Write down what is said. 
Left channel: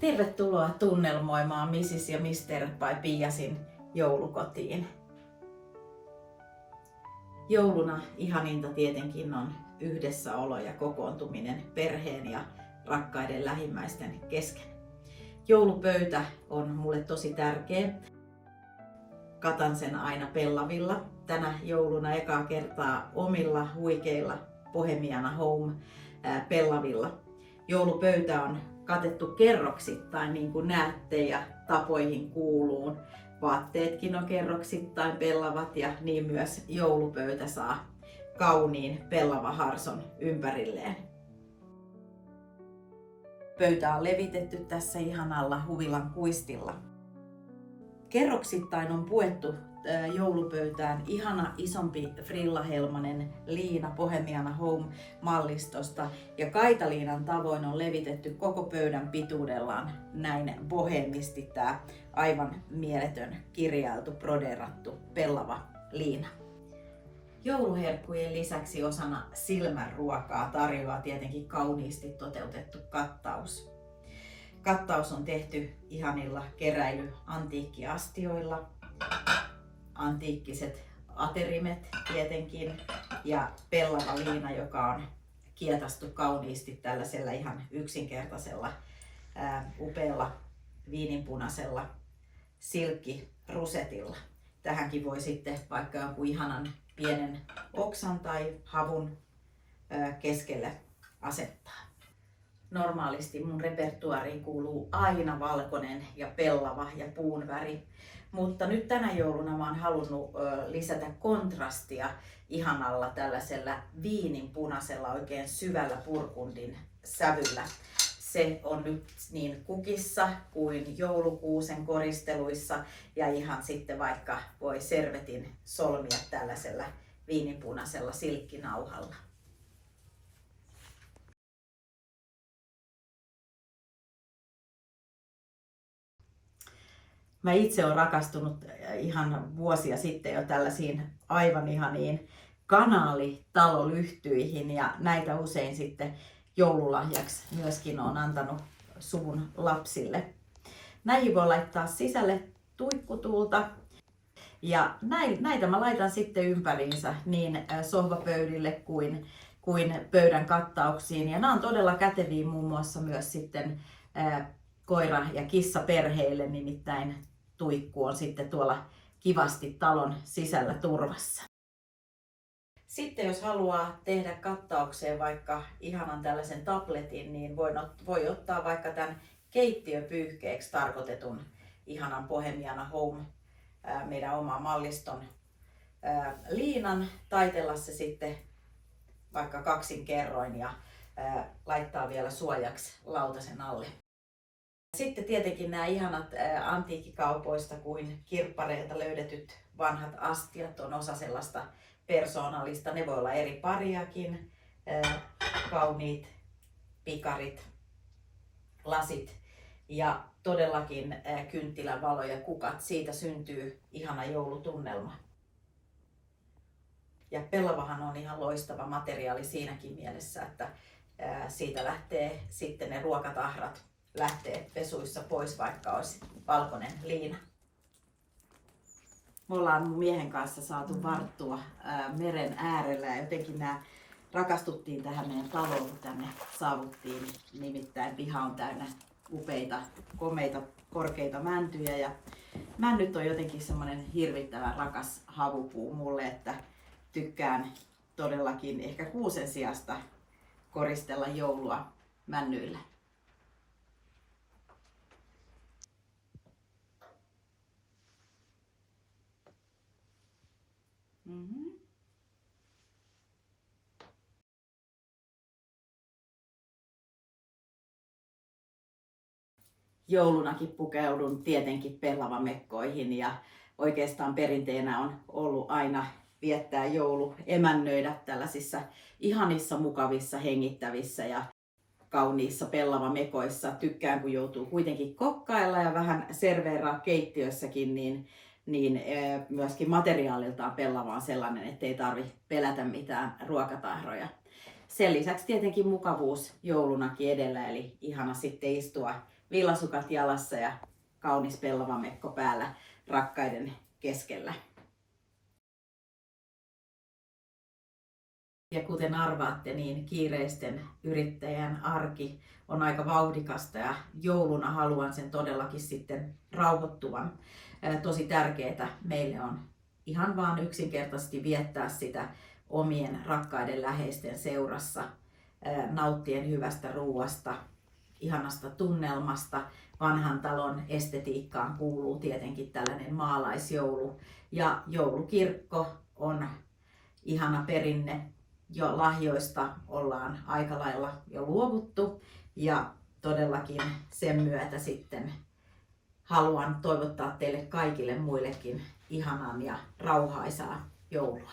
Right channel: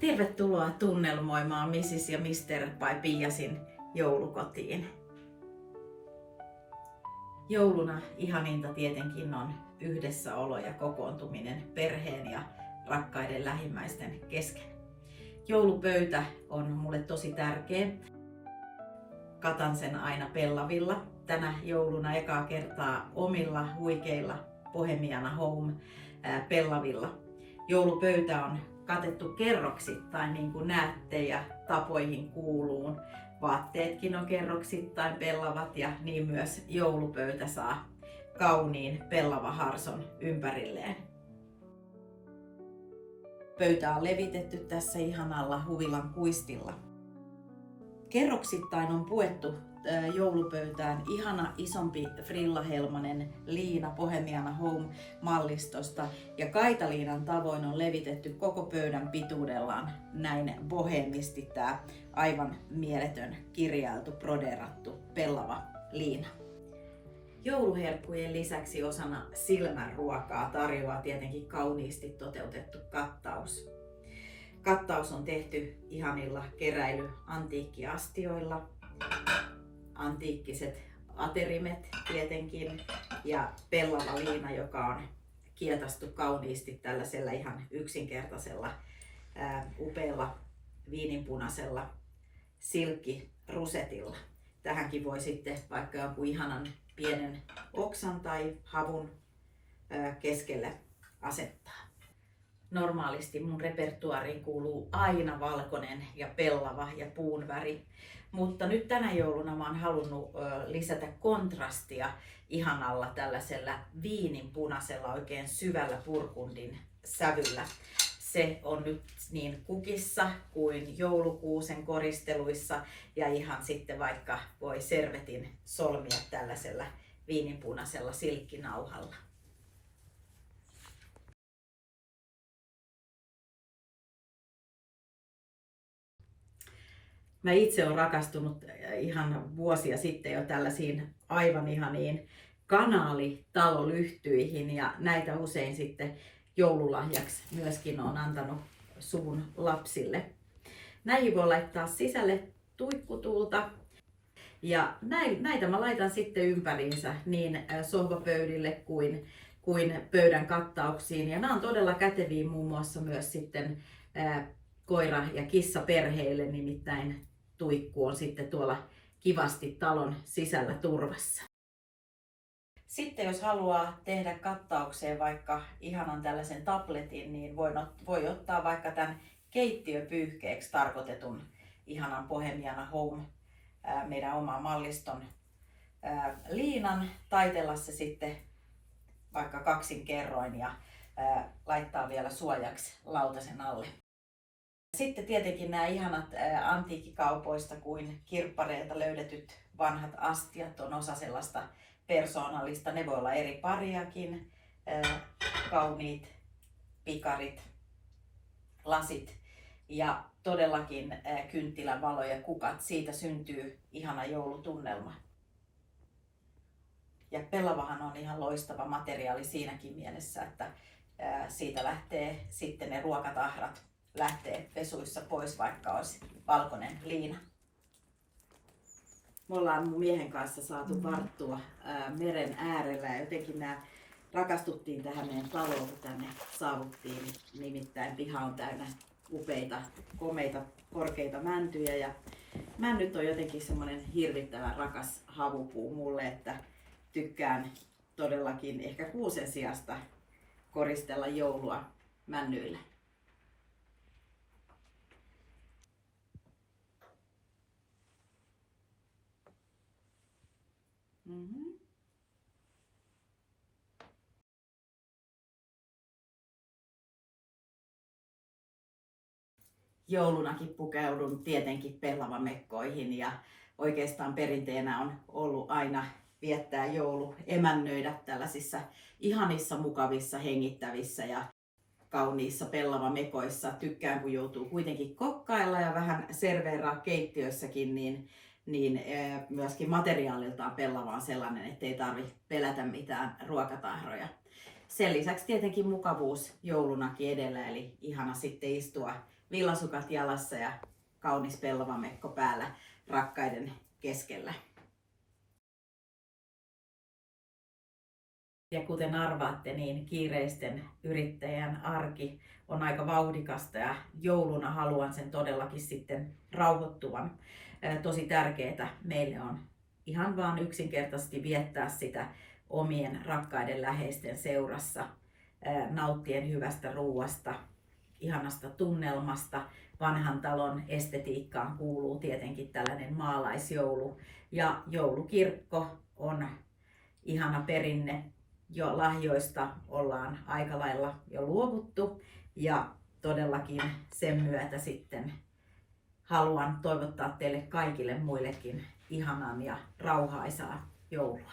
Tervetuloa tunnelmoimaan Mrs. ja Mr. by Piasin joulukotiin. Jouluna ihaninta tietenkin on yhdessäolo ja kokoontuminen perheen ja rakkaiden lähimmäisten kesken. Joulupöytä on mulle tosi tärkeä. Katan sen aina pellavilla. Tänä jouluna ekaa kertaa omilla huikeilla Bohemiana Home pellavilla. Joulupöytä on katettu kerroksittain, niin kuin näette, ja tapoihin kuuluu. Vaatteetkin on kerroksittain pellavat ja niin myös joulupöytä saa kauniin pellavaharson ympärilleen. Pöytä on levitetty tässä ihanalla huvilan kuistilla. Kerroksittain on puettu joulupöytään ihana isompi frillahelmanen liina Bohemiana Home mallistosta ja kaitaliinan tavoin on levitetty koko pöydän pituudellaan näin bohemisti tää aivan mieletön kirjailtu, broderattu pellava liina. Jouluherkkujen lisäksi osana silmänruokaa tarjoaa tietenkin kauniisti toteutettu kattaus. Kattaus on tehty ihanilla keräily-antiikkiastioilla, antiikkiset aterimet tietenkin ja pellava liina, joka on kietastu kauniisti tällaisella ihan yksinkertaisella upealla viininpunaisella silkkirusetilla. Tähänkin voi sitten vaikka jonkun ihanan pienen oksan tai havun keskelle asettaa. Normaalisti mun repertuariin kuuluu aina valkoinen ja pellava ja puun väri, mutta nyt tänä jouluna mä oon halunnut lisätä kontrastia ihanalla tällaisella viininpunaisella oikein syvällä burgundin sävyllä. Se on nyt niin kukissa kuin joulukuusen koristeluissa ja ihan sitten vaikka voi servetin solmia tällaisella viininpunaisella silkkinauhalla. Mä itse olen rakastunut ihan vuosia sitten jo tällaisiin aivan ihaniin kanaalitalolyhtyihin ja näitä usein sitten joululahjaksi myöskin olen antanut suvun lapsille. Näihin voi laittaa sisälle tuikkutuulta ja näitä mä laitan sitten ympäriinsä niin sohvapöydille kuin pöydän kattauksiin ja nämä on todella käteviä muun muassa myös sitten koira- ja kissaperheille, nimittäin tuikku on sitten tuolla kivasti talon sisällä turvassa. Sitten jos haluaa tehdä kattaukseen vaikka ihanan tällaisen tabletin, niin voi ottaa vaikka tämän keittiöpyyhkeeksi tarkoitetun ihanan Bohemiana Home meidän oman malliston liinan, taitella se sitten vaikka kaksin kerroin ja laittaa vielä suojaksi lautasen alle. Sitten tietenkin nämä ihanat antiikkikaupoista kuin kirppareilta löydetyt vanhat astiat on osa sellaista persoonallista. Ne voi olla eri pariakin, kauniit pikarit, lasit ja todellakin kynttilän valo ja kukat. Siitä syntyy ihana joulutunnelma. Ja pellavahan on ihan loistava materiaali siinäkin mielessä, että siitä lähtee sitten ne ruokatahrat lähtee pesuissa pois, vaikka olisi valkoinen liina. Me ollaan mun miehen kanssa saatu varttua meren äärellä ja jotenkin rakastuttiin tähän meidän taloon, kun tänne saavuttiin. Nimittäin piha on täynnä upeita, komeita, korkeita mäntyjä ja männyt on jotenkin semmoinen hirvittävän rakas havupuu mulle, että tykkään todellakin ehkä kuusen sijasta koristella joulua männyillä. Joulunakin pukeudun tietenkin pellavamekkoihin ja oikeastaan perinteenä on ollut aina viettää joulu, emännöidä tällaisissa ihanissa, mukavissa, hengittävissä ja kauniissa pellavamekoissa. Tykkään, kun joutuu kuitenkin kokkailla ja vähän serveeraa keittiössäkin, niin myöskin materiaaliltaan pellava on sellainen, ettei tarvitse pelätä mitään ruokatahroja. Sen lisäksi tietenkin mukavuus joulunakin edellä, eli ihana sitten istua villasukat jalassa ja kaunis pellavamekko päällä rakkaiden keskellä. Ja kuten arvaatte, niin kiireisten yrittäjän arki on aika vauhdikasta ja jouluna haluan sen todellakin sitten rauhoittuvan. Tosi tärkeää meille on ihan vaan yksinkertaisesti viettää sitä omien rakkaiden läheisten seurassa, nauttien hyvästä ruuasta, ihanasta tunnelmasta. Vanhan talon estetiikkaan kuuluu tietenkin tällainen maalaisjoulu ja joulukirkko on ihana perinne. Jo lahjoista ollaan aika lailla jo luovuttu ja todellakin sen myötä sitten haluan toivottaa teille kaikille muillekin ihanan ja rauhaisaa joulua.